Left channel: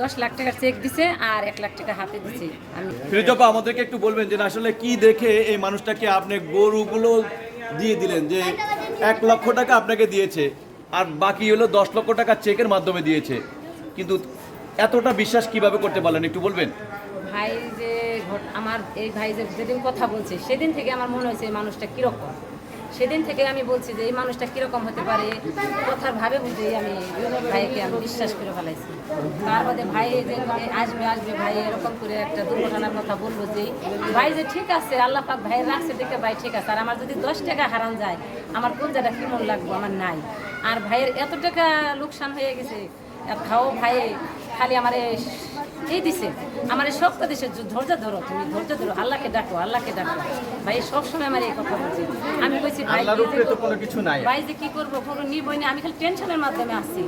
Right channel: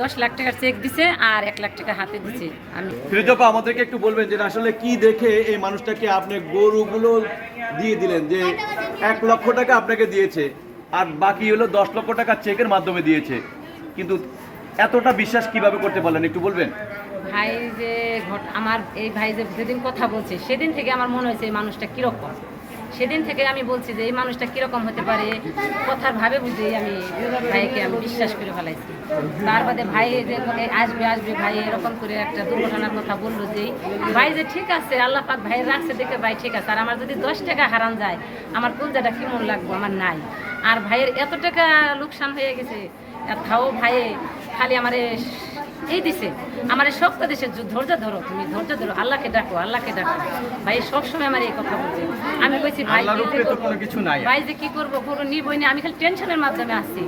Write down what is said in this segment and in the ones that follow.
দশ লাখ টাকার চেক দিছে আর এক লাখ টাকা হাতে দিছে আমি। ফিরোজপা আমাদেরকে একটু বলবেন যে আসলে কি দেখে এই মানুষটাকে আপনি গরুগুলো দিয়ে দিলেন? যে এক লক্ষ টাকা আপনাকে দিয়েছে আর বাকি হলো দশ লক্ষ টাকা চেকের মাধ্যমে দিয়েছে। কিন্তু এতটা বিশ্বাস কীভাবে করতে পারলেন? একটু বলবেন। ভাই যে আমার এই ভাই যে যেদিন কথা বলছে সেদিন থেকে আমার মনে হয়েছে এই মানুষটা কীরকম। সেদিন থেকে আমি বলছি যে, এই মানুষটা কীরকম হতে পারে? কথার ভাবে বুঝে আমি ভাইকে আমি বিশ্বাস করে ফেলাইছি। তার বাদে ভাই যে আসবে আসবে ভাই। এরকম করে একটা দুর্ঘটনার কথা বলল যে, ভাই যে ঠিক আছে, আল্লাহ পাক ভাই রাখছে দেখে ভাই ঠিক আছে। আর আমার যদি দশ টাকা হারান যায়, আমার কলজাটা কেমন লাগবো? আমার নাই। আর ভাইয়ের এত টাকা লোকসান হয়ে গেছে তাও ভাই খালি আমার এই দিছে আমার এই শক্ত দিছে ধৈর্য ধরো তুমি ধৈর্য ধরো আল্লাহকে ডাকো আল্লাহকে ডাকো। ভাই সবসময় আমার এই কথা বলছে। আমি কইছি ভাই। ভাই যে কি করব পুরো নিবই না আমি খালি টেনশনের মাধ্যমে আসছি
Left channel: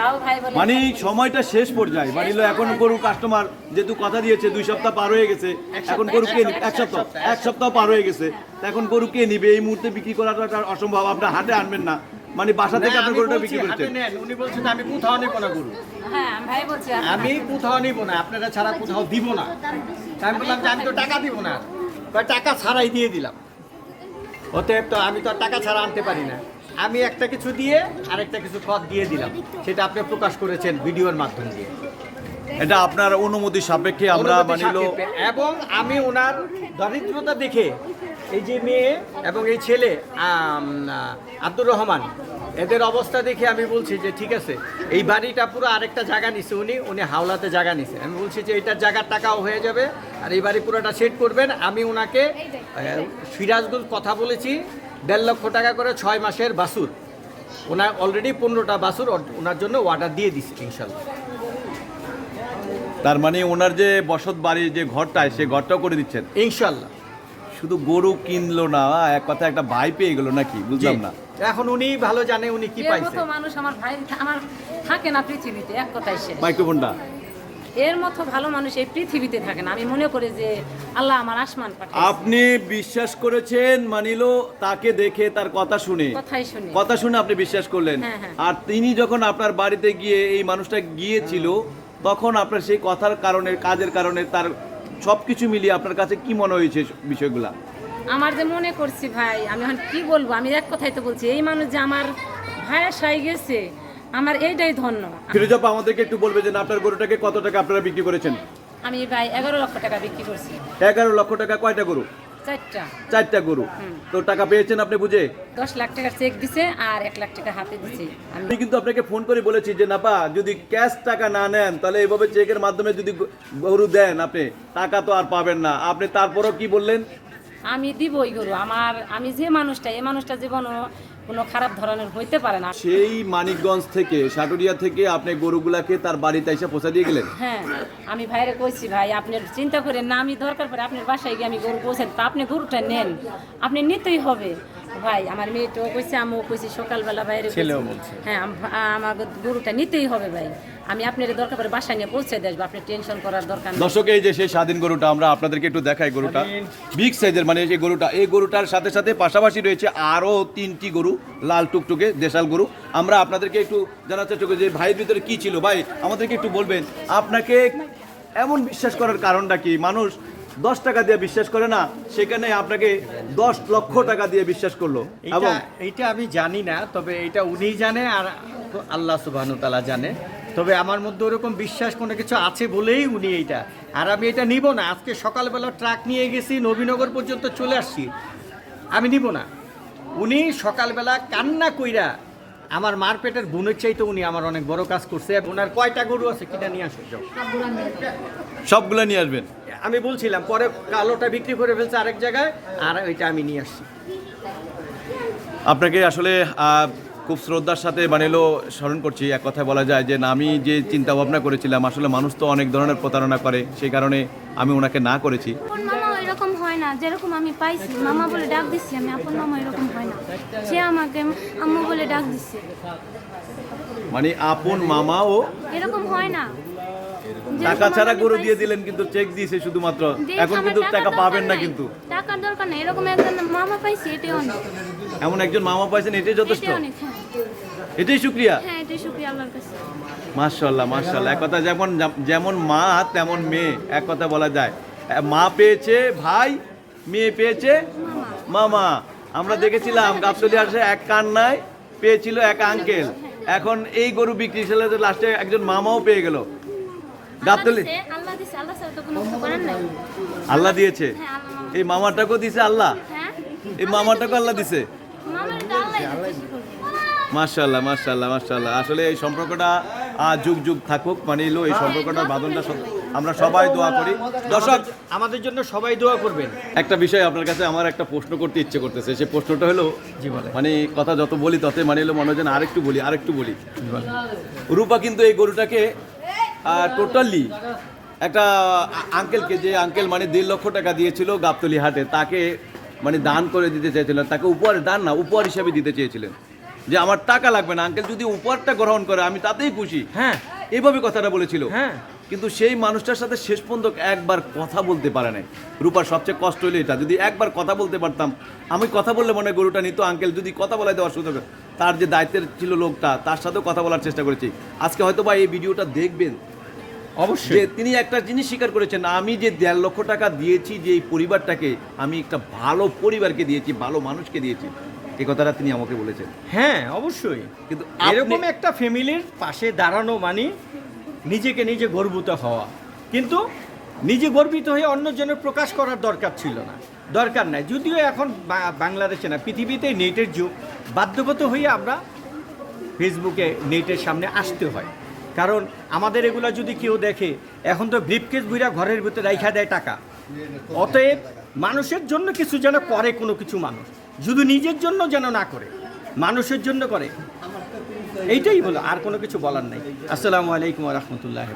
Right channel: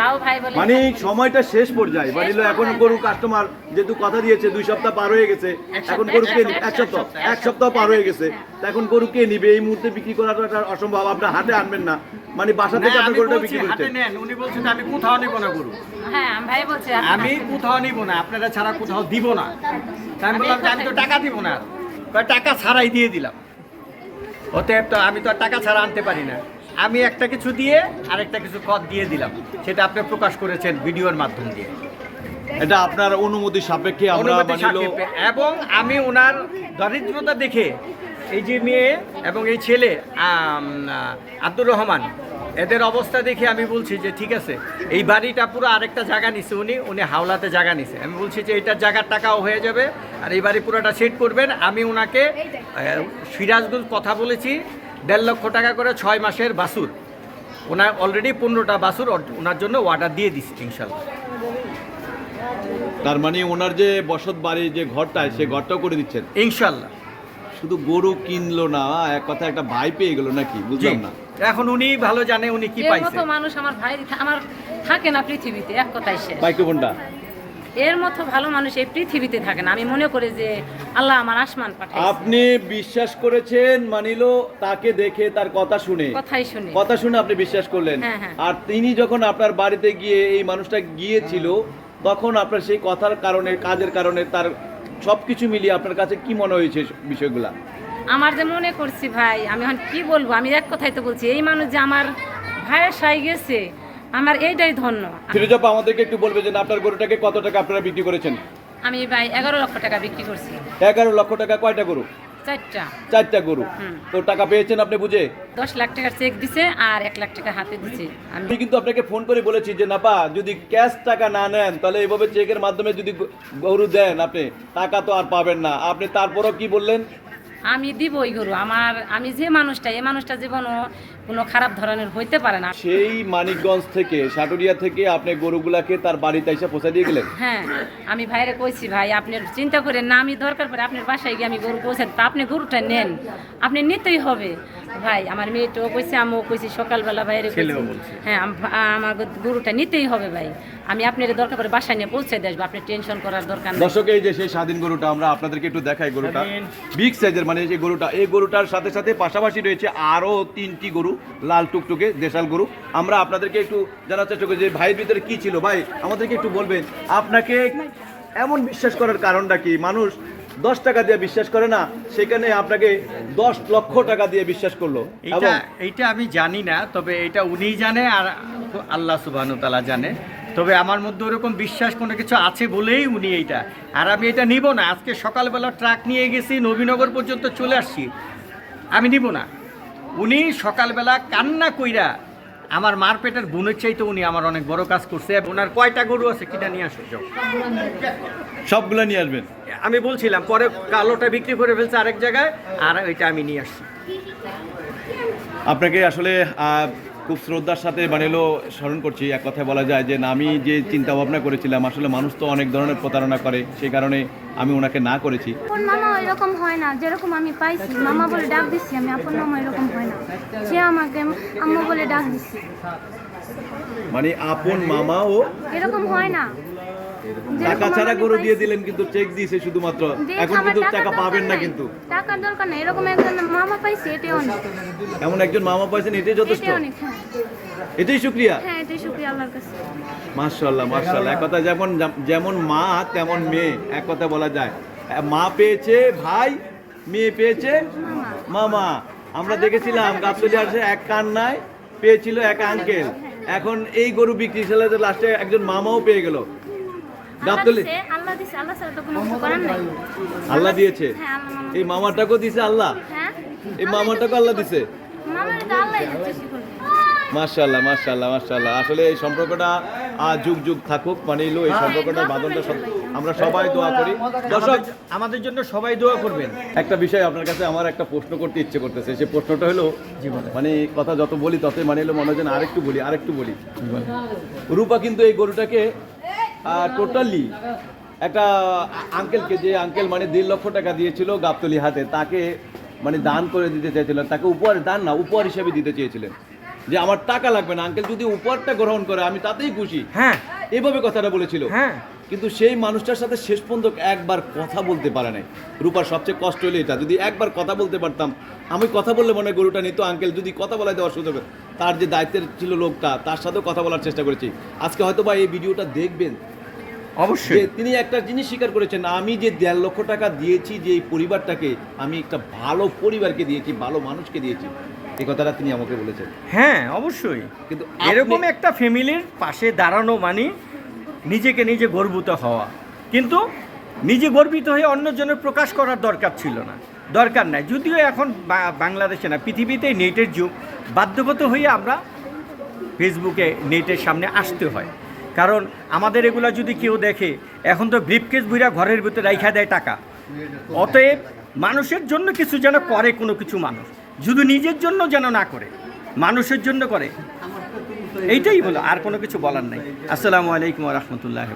তাও ভাই বলে মানে সময়টা শেষ পর্যায়ে। হলো এখন গরু কাস্টমার যেহেতু কথা দিয়েছে দুই সপ্তাহ পার হয়ে গেছে এখন গরু কে এক সপ্তাহ এক সপ্তাহ পার হয়ে গেছে। এখন গরু কে নিবে? এই মুহূর্তে বিক্রি করাটা অসম্ভব আপনি হাতে আনবেন না। মানে বাসা থেকে আপনি আমি গরুটা বিক্রি করছেন। উনি বলছেন আমি কোথাও নিব না গরু। হ্যাঁ ভাই বলছে আমি কোথাও নিব না আপনারা ছাড়া কোথাও দিব না। আমি বললাম যে আমি তো টাকা দিব না। টাকা ছাড়াই দিয়ে দিলাম। অতএব তো আমি তো আর টাকা ছাড়া আনতে পারি না। আমি একটা কিছু দিয়ে আরেকটা কিছু কদ দিয়ে দিলাম। সেটা আপনি প্রকাশ করেছেন ভিডিওর মাধ্যম দিয়ে। এটা আপনার অনুমতি সাপেক্ষে আমরা মানিল এবং আমি ওনার দরিদ্রতা দেখে এই যে মেয়ে এবং এই ছেলে আব্দুর রহমান এদের অবস্থা দেখে আমি বলছি যে ঠিক আছে এই বাড়িটা পুরো আরেকটা জায়গা নিছে উনি উনি হাওলাতে জায়গা নিছে। আমি বলছি যে এইটার জায়গার টাকাও হয়ে যাবে আর এই বাড়ি পুরোটা সেট করবেন। আমি ওনাকে সিরাজগঞ্জ কথা বলেছি দেড় লক্ষ টাকা করে ছয় মাসের বাসুর ওনার অলরেডি পনেরোটা বাসুর ওনার জন্য অর্ডার দিয়ে দিচ্ছে ইনশাল্লাহ। তার মানে ওনার যে বসত বাড়ি যে ঘরটায় সে ঘরটাও করে দিচ্ছেন? ইনশাল্লাহ। শুধু গরু কিনলো না এক কথা একটা ভাই পেয়ে গেল নাকি? বুঝলাম না। এখন উনি ভালো জানে উনি কি পাইছে। মতো মানুষ আমার ভাই আমার থাকে না পৃথিবীতে এক কথাই শেষ মাইক্রোফোনটা? এর মতো ভালো মানুষ এই পৃথিবীতে থাকে না। আমি মনে করি যে আল্লাহ আমার আসমান পাঠায় আপনি বিশ্বাস করেছেন মানিলো তাকে দেখে তার কথা শুনে। কথাই শুনে। কথা শুনে আপনি বিশ্বাস করলেন। হ্যাঁ, হ্যাঁ। আর তিনি যখন আপনার বাড়িতে গিয়ে এই মানুষটা গিয়েছিল তখন আপনার সেই কথার কারণে কাজের কারণে তার সবকিছু মিলিয়ে আপনার কাছে কি মনে হয়েছে বিষয়গুলা? আমার যে মনে করছি ভাই আমি এখন কি বলব? আমি এক কথাই তো বলছি এই মানুষ যে আমার ভাইয়ের সাই গেছে আমার এইটাই ধন্য। ফিরোজপা আমাদেরকে একটু বলবে যে আপনার গরুটাকে কত টাকা আপনারা বিক্রি করেছেন? আমি ভাই এগারো লক্ষ টাকা বিক্রি করছি। এগারো লক্ষ টাকা কয়টা গরু? চারটা। চারটা গরু। তো টাকা পেয়েছেন আপনি বুঝে? দশ লাখ টাকা চেক দিছে আর এক লাখ টাকা হাতে দিছে। আমি আমি কিন্তু আপনাকে ফোন করে বলেছি যে নাপা যদি ক্যাশ টাকা না নেন তাহলে এইভাবে চেকের মাধ্যমে যদি গরু দেন আপনি টাকা তো আর পাবেন না। আপনি তারপরও কি বললেন? আমি দিবই গরু। আমার আমি যে মানুষটা এই মানুষটা জীবনও কোনো খারাপ ধরনের হইতে পারে না। সেই মানিকগঞ্জ থেকে সাটুরিয়া থেকে আপনি গরুগুলাকে তার বাড়িতে এসে পৌঁছা দিয়ে গেলেন? হ্যাঁ আমি ভাইরে কইছি ভাই আপনি চিন্তা করেন না আমি দরকার পড়ে আপনার বাসায় গিয়ে আমি গরু পৌঁছাই তা আপনি গরুটা নেন। আপনি নিতেই হবে। ভাই আমার মেয়েটাও কইছে আমিও কইছি সকালবেলা ছেলেও হ্যাঁ আম- আমার গরুটা নিতেই হবে ভাই। আমি আপনার দরকার পড়ে বাসায় নিয়ে পৌঁছে আসব আপনি টেনশন করার দরকার নেই। দর্শক এই যে সেই স্বাধীন গরুটা আমরা আপনাদেরকে একটু দেখাই গরুটা। বিগ সাইজের মানে এই গরুটা এই গরুটার সাথে সাথে পাশাপাশি রয়েছে আরও তিনটি গরু লাল টুকটুকে দেশাল গরু। আমরা আপনাদেরকে একটু জানার চেষ্টা করি যে ভাইয়ের ভিতরে কি ছিল। ভাই আমাদেরকে একটু বলবেন আপনাকে এমন বিশ্বাস করার কারণটা কি? মানুষ দশ টাকা দিয়ে বিশ্বাস করে না সেখানে আপনাকে দশ লক্ষ টাকা দিয়ে বিশ্বাস করল। এইটা এইটা আমি জানি না তবে এটা উনিই জানে আর আল্লাহ সুবাহন তালা জানে। তবে আমার মধ্যে ওরকম বিশ্বাস কোনো কিছু আছে বলেই উনি এইটা। আর আমি এটা নিব না আজকে সকালবেলা ট্রাক নিয়ে গেছি নবীনগর পর্যন্ত চলে আসছি। আমি নিব না। উনি সকালবেলা কান্না কইরা আমার মার পেটের বোনের চাইতে উনি আমার অনেক বড় কাজ করছে ওনার কয়টা গরু আছে কিনা নিয়ে আসো যাও। সবগুলো নিয়ে আসবেন। আমি বলছিলাম পরে কালোটা বিক্রি করে ফেলছে আরেক জায়গায় আর ওইটা আমি নিয়ে আসছি। আপনাকে আসলে খুব শ্রদ্ধার সাথে বানিলো স্মরণ করছি এক কথায় বলা যায় যে না, আমি যে চিন্তা ভাবনা করেছিলাম আসলে মানুষ তো অনেক ধরনের প্রতারণা করে সেই কারণে আমি ওনাকে না করেছি। মামা এরকম হয় না যেরকম আমি পাইছি মামা বলে ডাক দিচ্ছি আমি আপন মামা এরকম হয় না। সে আমাকে আম্মু বলে ডাক দিচ্ছে। মানে আপন মামা ও এরকম হয় না। টাকা ছাড়া গরু দিয়ে দিলেন কিন্তু চেক দিয়েছে শুধুমাত্র। এখন কিন্তু টাকা পাবেন না কিন্তু। টাকার দরকার নেই। এরকম একজন মামা পাইছি এটাই অনেক। এমন একজন মামা পাইছেন এটাই যথেষ্ট। এটাই অনেক হ্যাঁ। এটাই শুক্রিয়া হ্যাঁ এটাই শুক্রিয়া আল্লাহর কাছে। মাশাল্লাহ মাশাল্লাহ এক কথা যেমন যেমন মা তেমন মেয়ে। এক কথা বলা যায়। মা পেয়েছে ভাই মেয়ে পেয়েছে মামা। আমরা দেখেছিলাম গাছতলি আসে এক কান্নায় পেয়েছিল এক আঙ্কেল এখন এই গরু বিক্রি ছেলে তো লাস্টে একজন মামাও পেয়ে গেল। আল্লাহ গাবতলি দিছে আল্লাহ দিছে আল্লাহ ছাড়া তো কোনো কিছু করার নাই। আল্লাহ দিয়েছে? হ্যাঁ এই মামাটাকেও দিছে আল্লাহ? হ্যাঁ। এই মামাটাকেও আল্লাহ দিছে? মাশাল্লাহ মাশাল্লাহ মাশাল্লাহ আসলে এই সম্পর্কটা আহ, যুগ যুগ থাকুক মানে এলো এই সম্পর্কটার বাঁধনটা সব- আমরা সবাই দোয়া করি। দর্শক আমাদের জন্য সবাই দোয়া করবেন। একটা বিষয় আপনার কাছে আমার একটা প্রশ্ন করতে ইচ্ছে করতেছে। সেই প্রশ্নটা হলো মানে কথা যত বলি তত মানে হলো মনে হয় যেন আরেকটু বলি আরেকটু বলি। রূপা কিন্তু এই গরুটাকে টোটালি একটা আঙ্কেলকে যে আঙ্কেল মানে দেড় লক্ষ টাকা দিয়েছিল গাবতলি হাটে তাকে মানে দান করে দিতে চাইছিলেন তাকে উপহার দান না উপহার হিসাবে দিতে চেয়েছিলেন। যে আমার টাকা লাগবে না আঙ্কেল যদি উপহারটা গ্রহণ করে আমি তাতেই খুশি। হ্যাঁ। এইভাবে কথাটা বলেছিল। হ্যাঁ। কিন্তু সেই মানুষটার সাথে শেষ পর্যন্ত একবার কথা বলতে পারে নাই। রূপার সবচেয়ে কষ্ট হলো এটা যদি একবার কথা বলতে পারতাম আমি কথা বললে মনে হয় গরুটা নিত আঙ্কেল যদি কথা বলাইতে অসুবিধা হবে। তার যে দায়িত্বের ছিল লোকটা তার সাথেও কথা বলার চেষ্টা করেছি। আজকে হয়তো বা এই ভিডিওটা দেখবেন অবশ্যই। তিনি একটা জিনিস স্বীকার করেছেন আমি যে দেড় লক্ষ টাকা দিয়েছি যে এই পরিবারটাকে আমি একটা ভালো পরিবারকে দিয়েছি ভালো মানুষকে দিয়েছি এই কথাটা তিনি আমাকে বলেছেন। হ্যাঁ অবশ্যই। কিন্তু এরকম একটা ফ্যামিলির পাশে দাঁড়ানো মানে নিজেকে নিজে গর্বিত হওয়া। কিন্তু নিজে গর্বিত হয়ে অন্যজনের প্রকাশ করার দরকার ছিল না। দরকার নাই। যদিও এখন বাংলাদেশে না পৃথিবীতে নেটের যুগ। বাধ্যগত হয়ে আমরা ফেসবুকে নেটের সামনে আসতে হয়। কারণ আমাদের এগুলো যদি কেউ দেখে, এখন তো ব্রিফকেস বুইরা ঘরের ভিতরে রাইখা দেয় টাকা। অতএব মানুষের জন্য কিছু যেন করে কোনো কিছু মানুষ। শুধু নিজের জন্য যেন না করে, মানুষের জন্য করে। এইটাই বলো, আর কোনো কিছু বলার নাই। আসসালামু আলাইকুম রহমতুল্লাহ